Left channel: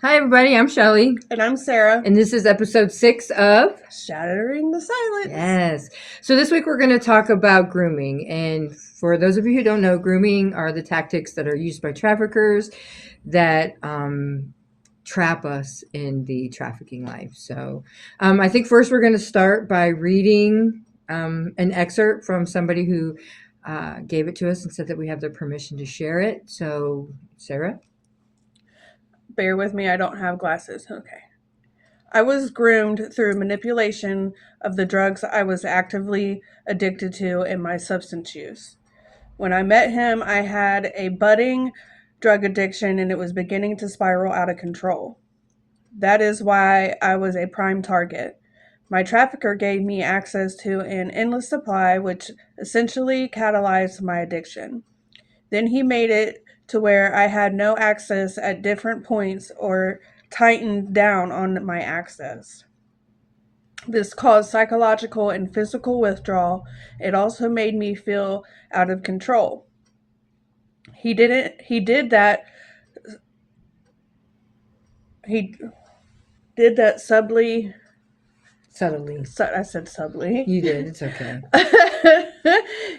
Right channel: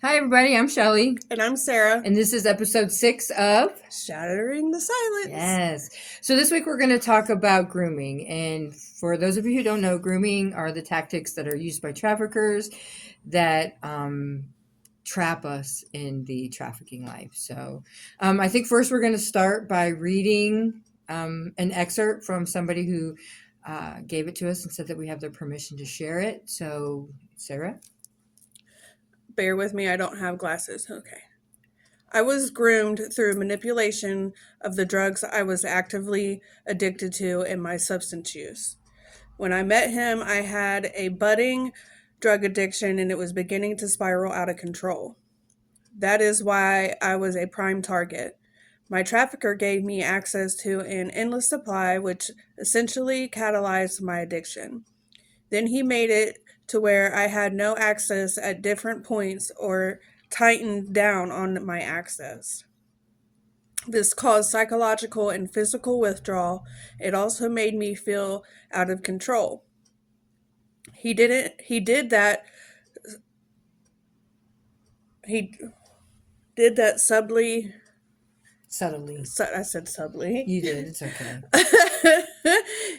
Hi, everybody. I'm Shelly, And I'm Sarah. and this is episode 6 of Shattering the silence. Yes. So, this week we're going to talk about grooming. And for those of you who don't know, grooming are the tactics that are used by traffickers that trap us in the trafficking life. So, I think first we're going to start by reading an excerpt from somebody who gave it to us and said that we have their permission to share it. So, Sarah? Bear with me, I don't have glasses. Okay. I was groomed through manipulation of the drugs I was actively addicted to in my substance use. When I met him, I had a budding drug addiction and it was beginning to spiral out of control. That is why I was a prime target. My trafficker gave me access to an endless supply, which essentially catalyzed my addiction. Then he made it to where I had no access at different points or tightened down on my access. This caused psychological and physical withdrawal. It also made me feel out of control. He did that he did that subtly. Subtly. I said subtly. You did. It's okay.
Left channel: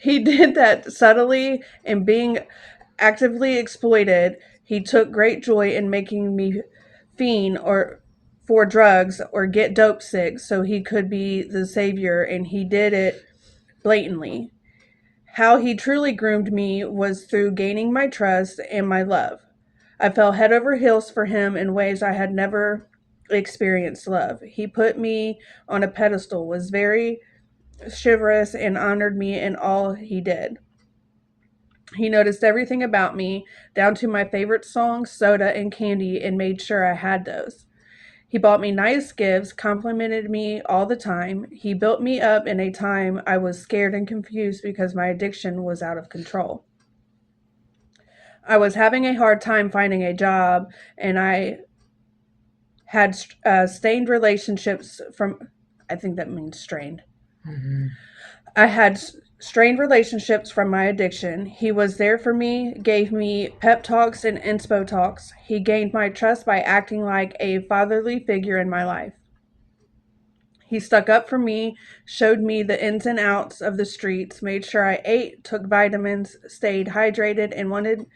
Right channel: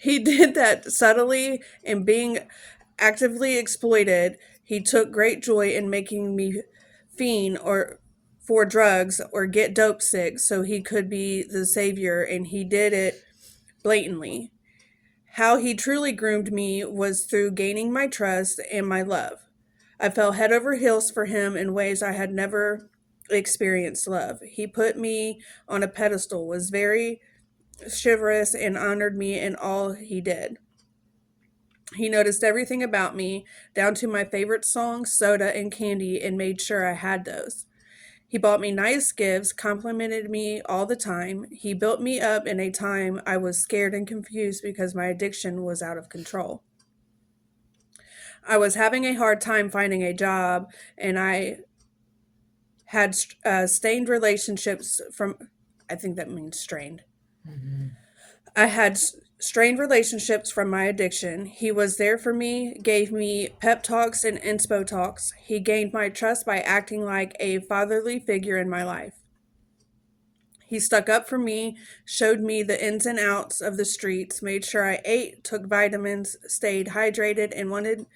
He did that subtly and being actively exploited. He took great joy in making me fiend or for drugs or get dope sick so he could be the savior, and he did it blatantly. How he truly groomed me was through gaining my trust and my love. I fell head over heels for him in ways I had never experienced love. He put me on a pedestal, was very chivalrous, and honored me in all he did. He noticed everything about me, down to my favorite songs, soda, and candy, and made sure I had those. He bought me nice gifts, complimented me all the time. He built me up in a time I was scared and confused because my addiction was out of control. I was having a hard time finding a job, and I had stained relationships from, I think that means strained. Mm-hmm. I had strained relationships from my addiction. He was there for me, gave me pep talks and inspo talks. He gained my trust by acting like a fatherly figure in my life. He stuck up for me, showed me the ins and outs of the streets, made sure I ate, took vitamins, stayed hydrated, and wanted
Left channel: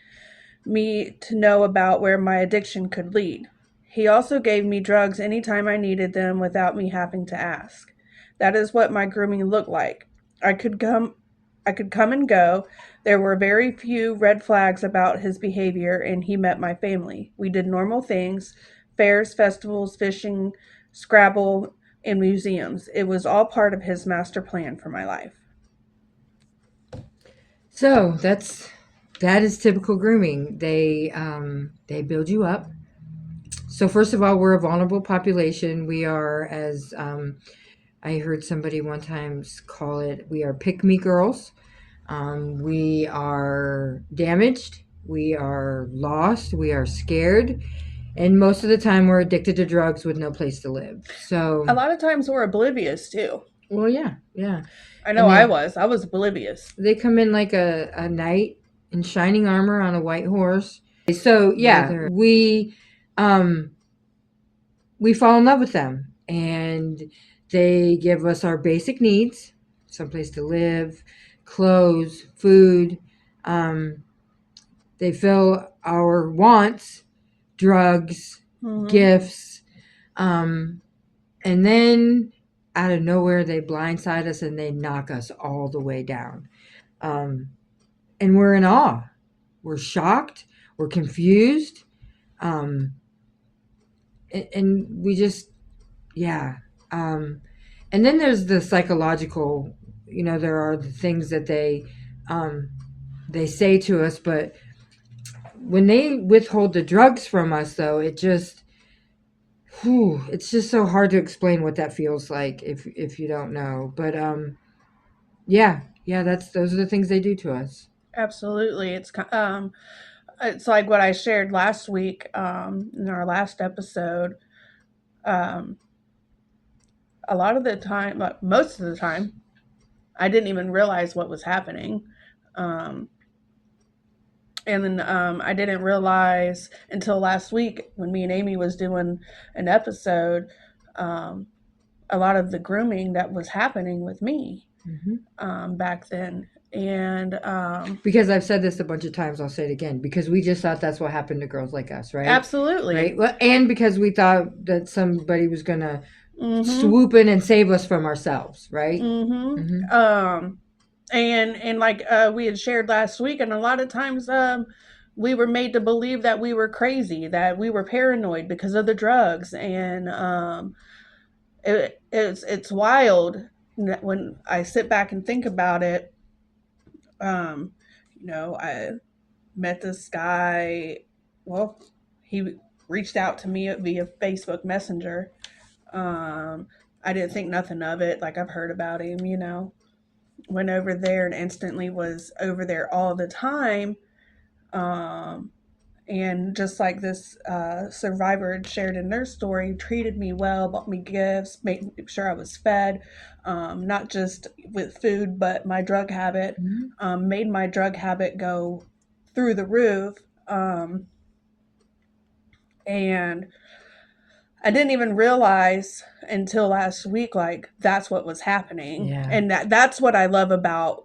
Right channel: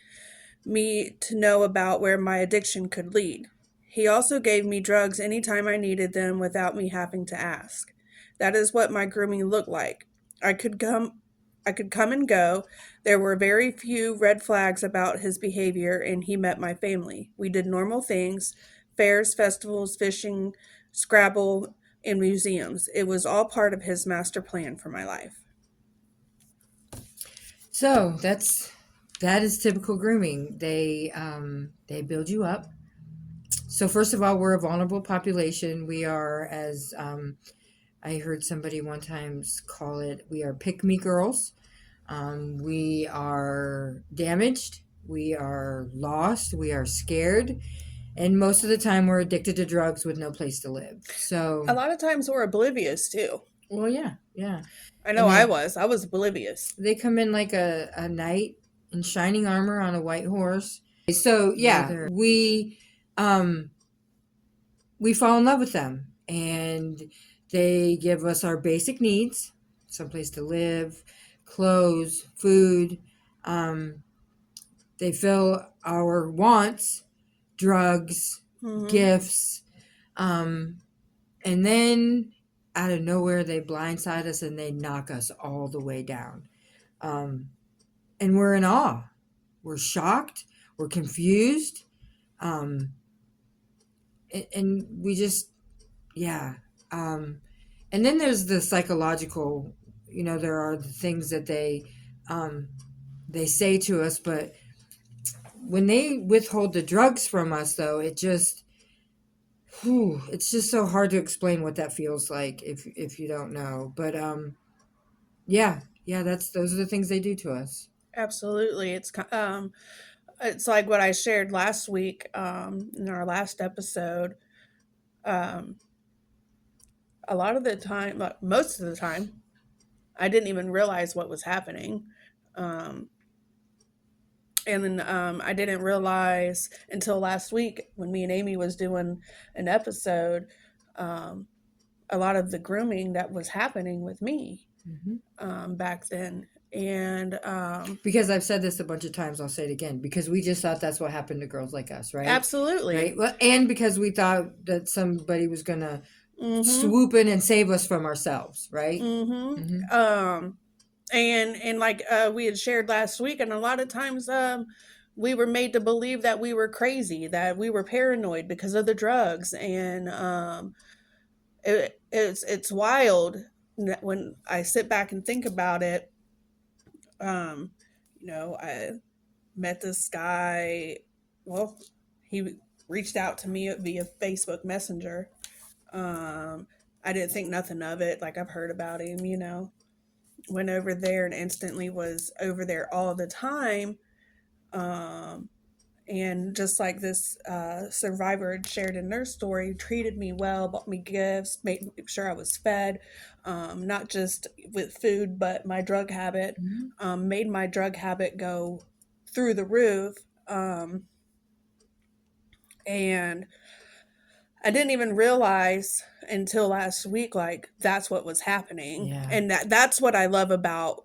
me to know about where my addiction could lead. He also gave me drugs anytime I needed them without me having to ask. That is what my grooming looked like. I could come I could come and go. There were very few red flags about his behavior, and he met my family. We did normal things: fairs, festivals, fishing, Scrabble, and museums. It was all part of his master plan for my life. So that is typical grooming. They build you up. So first of all, we're a vulnerable population. We are, as I heard somebody one time call it, we are pick me girls. We are damaged. We are lost. We are scared. And most of the time, we're addicted to drugs with no place to live. So, A lot of times we're oblivious too. well, yeah, yeah. I know And I then was. I was oblivious. they come in like a knight in shining armor on a white horse. So yeah, um we fall in love with them, and they give us our basic needs: someplace to live, clothes, food. Um, they fill our wants: drugs, Hmm. gifts, um, and then out of nowhere they blindside us and they knock us all the way down. Um, and we're in awe. We're shocked. We're confused. Um, and we just, yeah. Um, and then there's the psychological. There are the things that um, they say to us, but when they withhold the drugs from us, though, it's just so hard to explain what that feels like if you don't know. But yeah, yeah, that's those are the things they do to us. Absolutely. It's like what I shared last week in our last episode. Um, a lot of the time, most of the time, I didn't even realize what was happening. Um, And I didn't realize until last week when me and Amy was doing an episode, um, a lot of the grooming that was happening with me Hmm. back then. And Because I've said this a bunch of times, I'll say it again. Because we just thought that's what happened to girls like us, right? absolutely. Right. Well, and because we thought that somebody was gonna Mm-hmm. swoop in and save us from ourselves, right? Hmm. Mm-hmm. And like we had shared last week, and a lot of times we were made to believe that we were crazy, that we were paranoid because of the drugs, and it's wild when I sit back and think about it. Um, I met this guy. Well, he reached out to me via Facebook Messenger. Um, I didn't think nothing of it. Like I've heard about him, went over there and instantly was over there all the time. Um, and just like this survivor had shared in their story, treated me well, bought me gifts, made sure I was fed, not just with food, but my drug habit, Hmm. made my drug habit go through the roof. Um, and I didn't even realize until last week, like that's what was happening, Yeah. and that's what I love about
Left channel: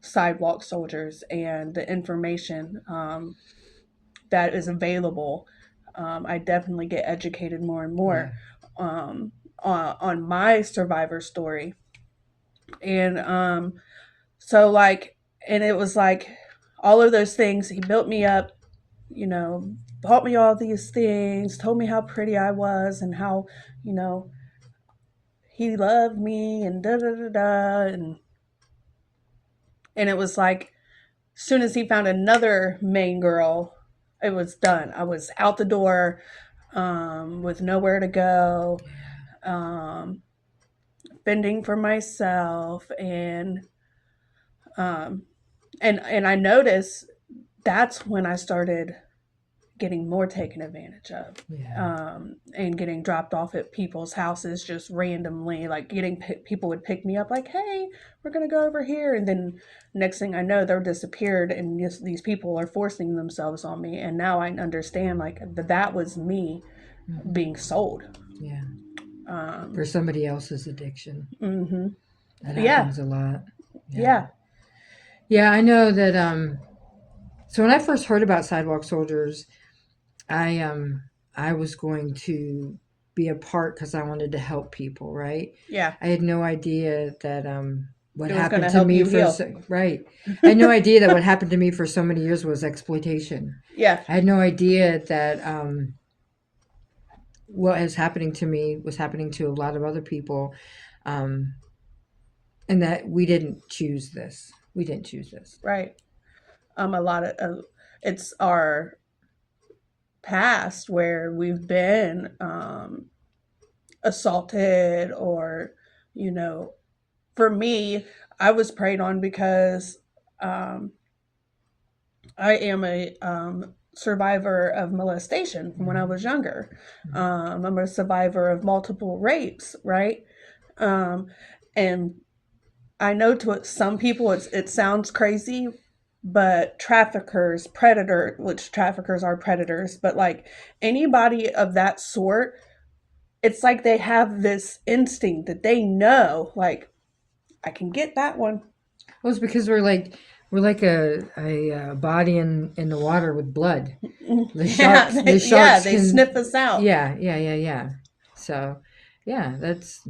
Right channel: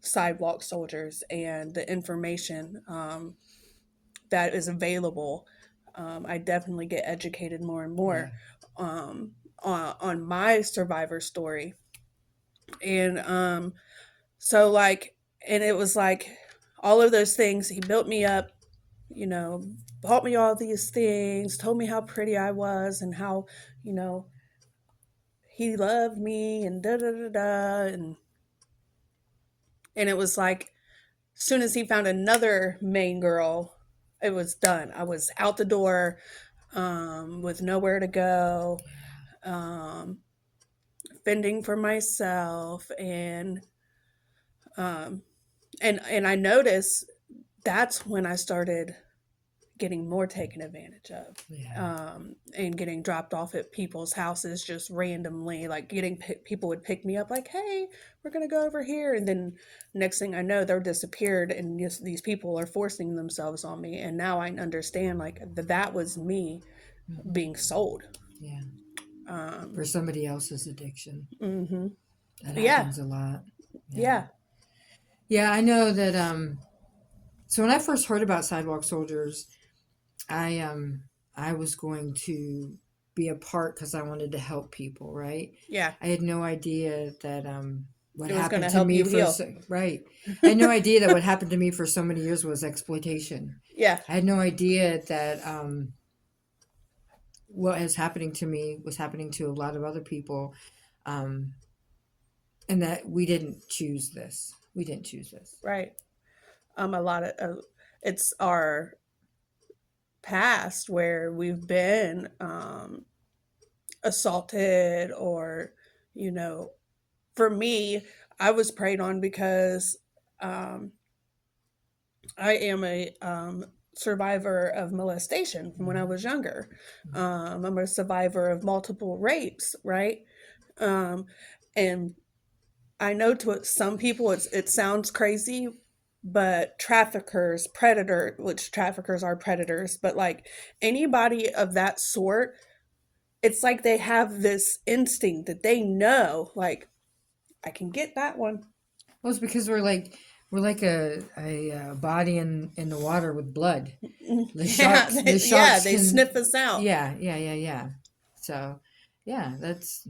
sidewalk soldiers and the information that is available. I definitely get educated more and Yeah. more on my survivor story, and so like, and it was like all of those things. He built me up, you know, bought me all these things, told me how pretty I was, and how you know he loved me and da da da da and it was like as soon as he found another main girl, it was done. I was out the door with nowhere to go, um, fending for myself, um, and I noticed that's when I started getting more taken advantage of, Yeah. and getting dropped off at people's houses just randomly, like people would pick me up like, hey, we're going to go over here, and then next thing I know they're disappeared, and these people are forcing themselves on me, and now I understand like that was me Hmm. being sold. Yeah. um, For somebody else's addiction. mm-hmm. That Yeah, happens a lot. Yeah. yeah, Yeah, I know that so when I first heard about sidewalk soldiers, I um I was going to be a part cuz I wanted to help people, right? yeah, I had no idea that what it was going happened to to help me you for heal. right. I had no idea that what happened to me for so many years was exploitation. Yeah, I had no idea that what is happening to me was happening to a lot of other people, um, and that we didn't choose this. We didn't choose this. right. A lot of it's our past where we've been assaulted, or you know for me, I was preyed on because um, I am a survivor of molestation from when I was Mm-hmm. younger. I'm a survivor of multiple rapes, right? um, and I know to some people it sounds crazy, but which traffickers are predators, but like anybody of that sort, it's like they have this instinct that they know, like, I can get that one. Well, it's because we're like a body in the water with blood. Yeah, The yeah, sharks they sniff can. us out. Yeah. So, yeah, that's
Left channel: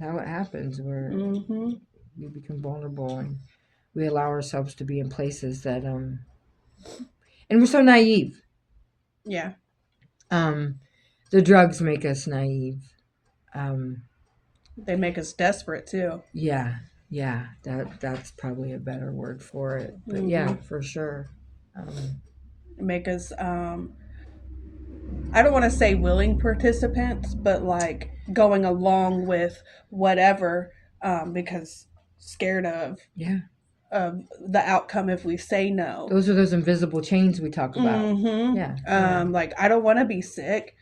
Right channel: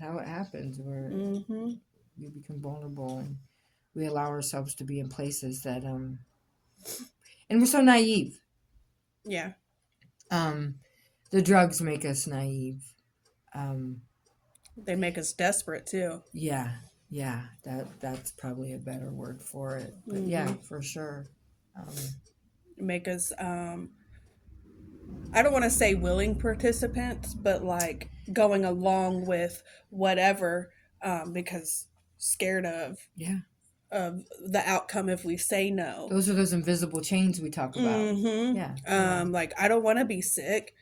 how it happens. Mm-hmm. We become vulnerable and we allow ourselves to be in places that and we're so naive. Yeah, Um, the drugs make us naive. Um, they make us desperate too. yeah, yeah, that's probably a better word for it. But Mm-hmm. yeah, for sure. Um, Make us, I don't want to say willing participants, but like going along with whatever, because scared yeah, of the outcome if we say no. those are those invisible chains we talk about. Mm-hmm. Yeah. Like I don't want to be sick,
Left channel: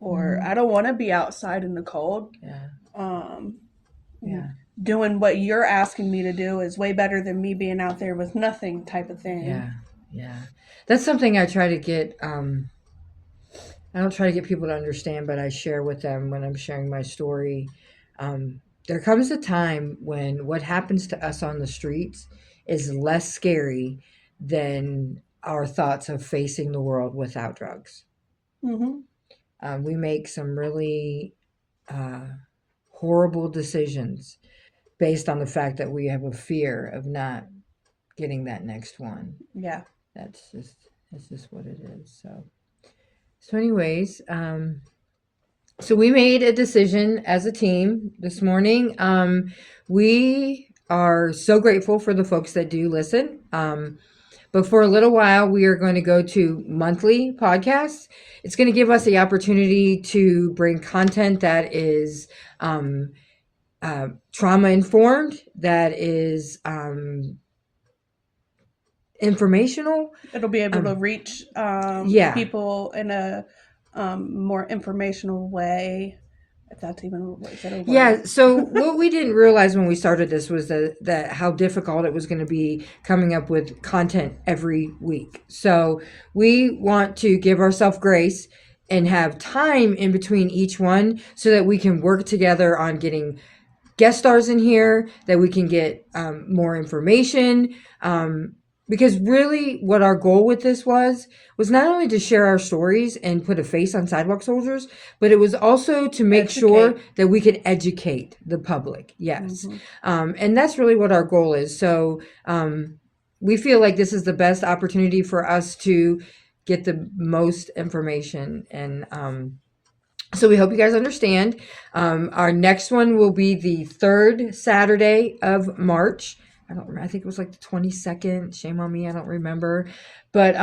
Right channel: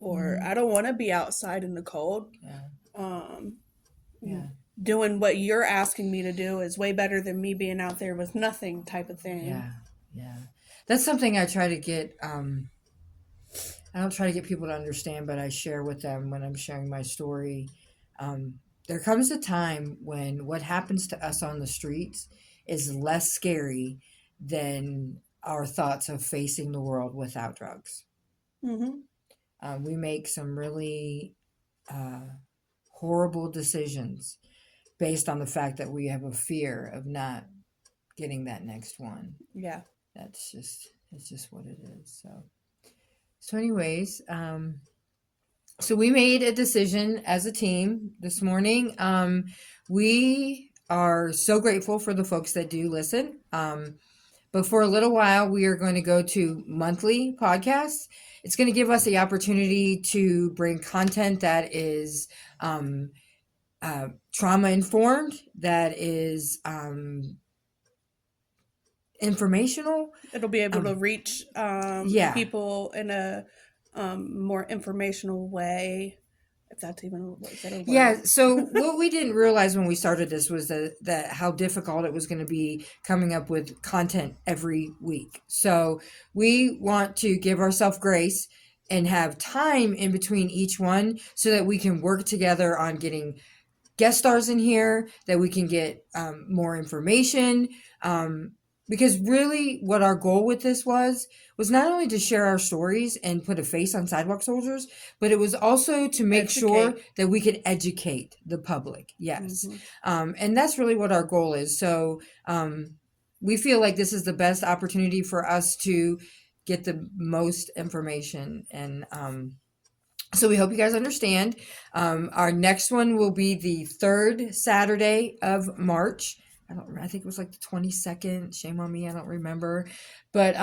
or Hmm. I don't want to be outside in the cold. Yeah, Um, yeah. doing what you're asking me to do is way better than me being out there with nothing type of thing. Yeah, yeah. That's something I try to get. I don't try to get people to understand, but I share with them when I'm sharing my story. Um, there comes a time when what happens to us on the streets is less scary than our thoughts of facing the world without drugs. Hmm. We make some really uh, horrible decisions based on the fact that we have a fear of not getting that next one. Yeah. That's just what it is. So anyways, so we made a decision as a team this morning. We are so grateful for the folks that do listen. But for a little while, we are going to go to monthly podcasts. It's going to give us the opportunity to bring content that is trauma informed, that is informational. It'll be able to reach Yeah, people in a more informational way, if that's even is it a word. yeah. So what we didn't realize when we started this was that how difficult it was going to be coming up with content every week. So we want to give ourselves grace and have time in between each one so that we can work together on getting guest stars in here, that we can get more information. Because really, what our goal with this was not only to share our stories and put a face on Sidewalk Soldiers, but it was also to make sure Educate. that we could educate the public. Yes, Hmm. and that's really what our goal is. So we feel like this is the best opportunity for us to get the most information and so we hope you guys understand. Our next one will be the third Saturday of March. I don't remember. I think it was like the 22nd. Shame on me. I don't remember. But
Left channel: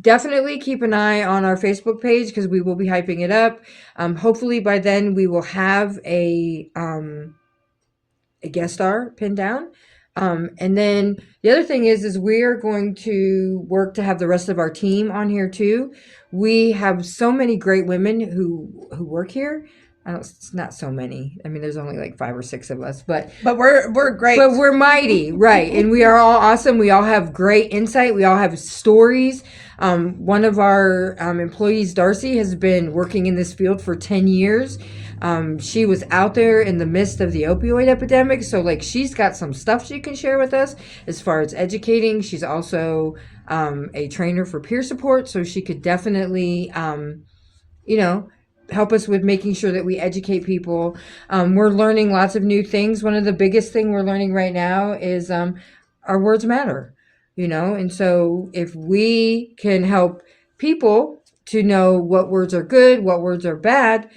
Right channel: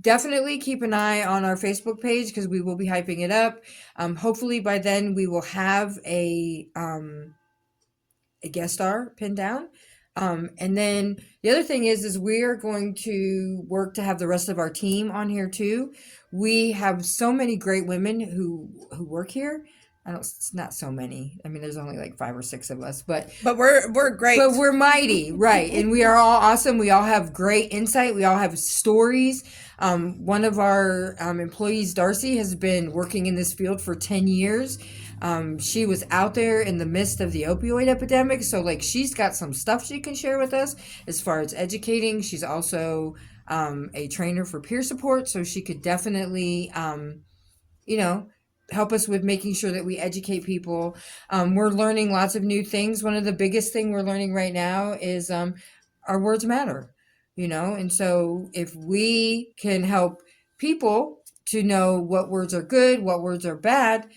definitely keep an eye on our Facebook page because we will be hyping it up. Hopefully by then we will have a guest star pinned down. And then the other thing is we are going to work to have the rest of our team on here too. We have so many great women who work here. I don't. It's not so many. I mean, there's only like 5 or 6 of us, But we're great. but we're mighty, right? And we are all awesome. We all have great insight. We all have stories. One of our employees, Darcy, has been working in this field for 10 years. She was out there in the midst of the opioid epidemic. So, like, she's got some stuff she can share with us as far as educating. She's also a trainer for peer support. So, she could definitely, you know, help us with making sure that we educate people. We're learning lots of new things. One of the biggest thing we're learning right now is our words matter, and so if we can help people to know what words are good, what words are bad,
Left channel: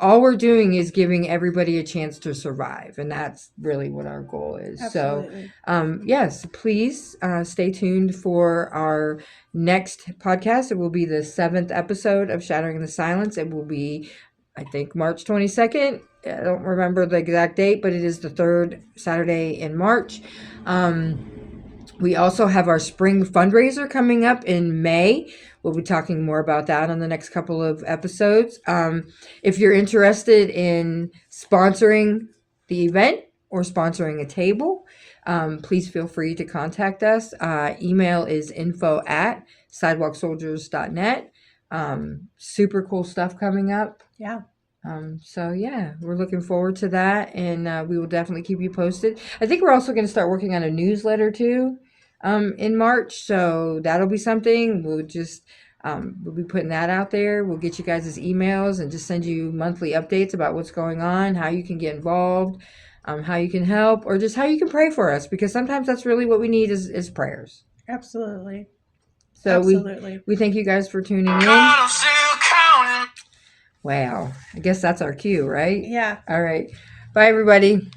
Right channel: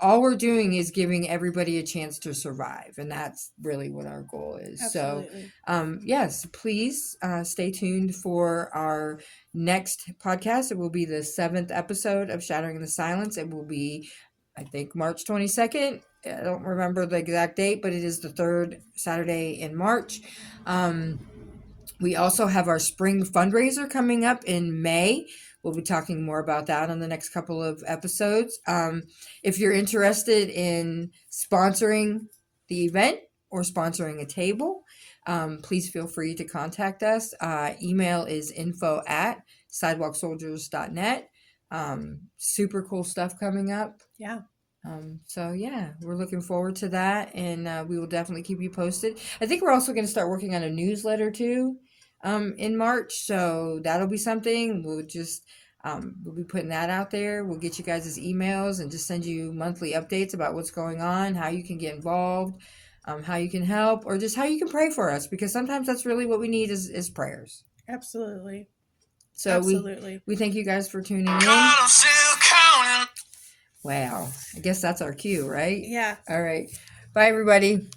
all we're doing is giving everybody a chance to survive, and that's really what our goal is. So, Absolutely. yes, please stay tuned for our next podcast. It will be the 7th episode of Shattering the Silence. It will be, I think, March 22nd. I don't remember the exact date, but it is the third Saturday in March. We also have our spring fundraiser coming up in May. We'll be talking more about that on the next couple of episodes. If you're interested in sponsoring the event or sponsoring a table, please feel free to contact us. Email is info@sidewalksoldiers.net. Super cool stuff coming up. Yeah. So yeah, we're looking forward to that, and we will definitely keep you posted. I think we're also going to start working on a newsletter too, in March. So that'll be something. We'll be putting that out there. We'll get you guys' emails and just send you monthly updates about what's going on, how you can get involved, how you can help, or just how you can pray for us, because sometimes that's really what we need is prayers. Absolutely. So Absolutely. we thank you guys for tuning in. God, I'm still counting. Wow. I guess that's our cue, right? Yeah. All right. Bye, everybody.